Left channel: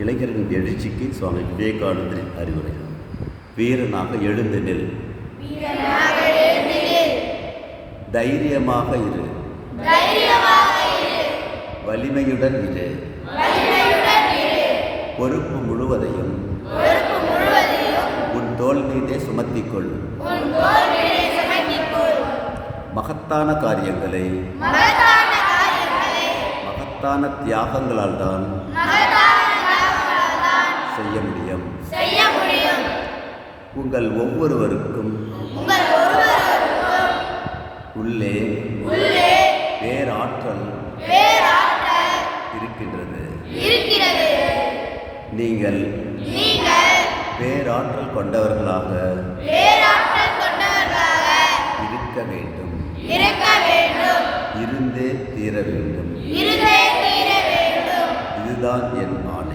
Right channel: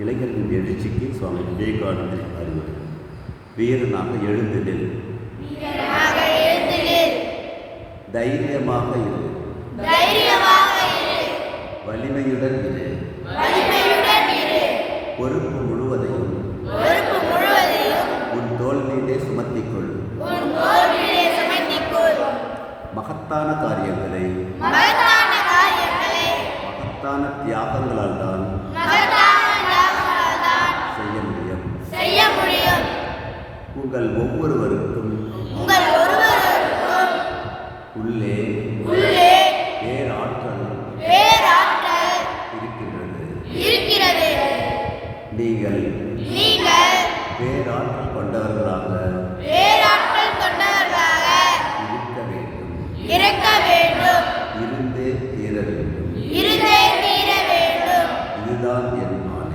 இளைஞர்களின் எழுச்சிக்கு சுவாமி விவேகானந்தர் அறிவுரை. வீரனாக எழுந்து நில், தைரியமாக இரு, வலிமையுடன் இரு, பொறுப்பு முழுவதையும் உன் தோள் மீதே சுமத்திக்கொள். மகத்தான காரியங்களை மகத்தான தியாகங்களால் தான் செய்ய முடியும். உங்கள் ஒவ்வொருவருக்கும் உள்ளே பேராற்றல் இருக்கின்றது. நீங்கள் பேராற்றல் கொண்டவர்களாக இருக்க வேண்டும். இருந்தே தீர வேண்டும். இதுதான் என் ஆணை.